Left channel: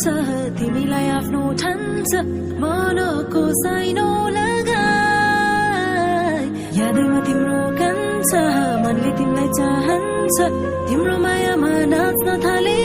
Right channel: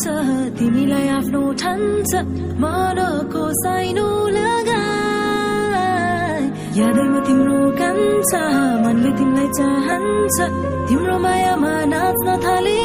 छ तिमीलाई आफ्नो ठान्छ मनको साइनो लगाई यादैमा तिम्रो कान्छ मनले तिमीलाई चाहन्छ तिम्रो मायामा नाच्न थाले